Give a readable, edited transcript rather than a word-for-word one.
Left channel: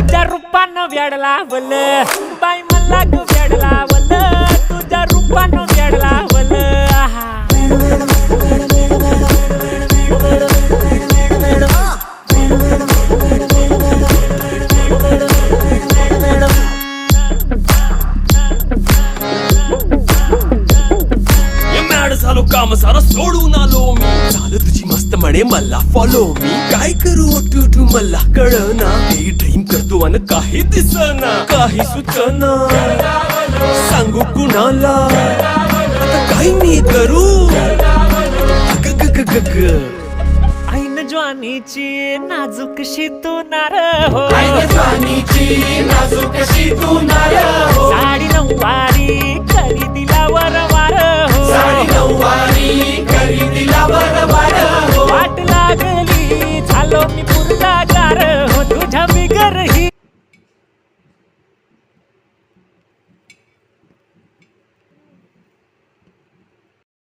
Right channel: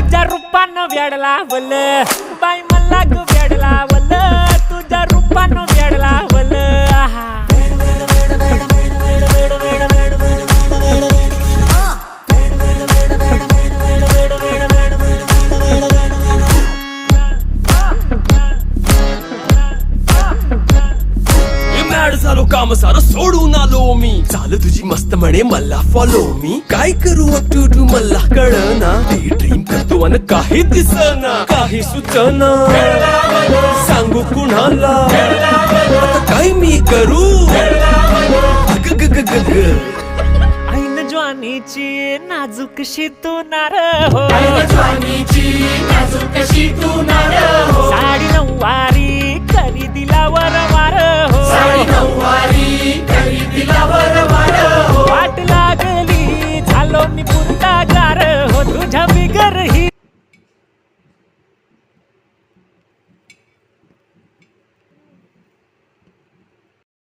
तुझ्या रूपानं वेड लावल बाई मला ग वेड लावल तुझ्या रूपानं वेड लावल आहा झालो काम सारं सोडून आलो मी चाल तुझी मस्त म्हणे मला फॉलो मी काय करू टू मला कळना ती ड्रीम करतो अन काही दिसना काही सुचना सांगू कुणाला आता काय मी करू अग ग ग ग ग ऐन ज्वानीची नाजूकशी तू नार हो साडी नऊवारी करी दिला वरवार हो वाट लागली झालो मी पुरता गार हो तुझ्या बिगर ही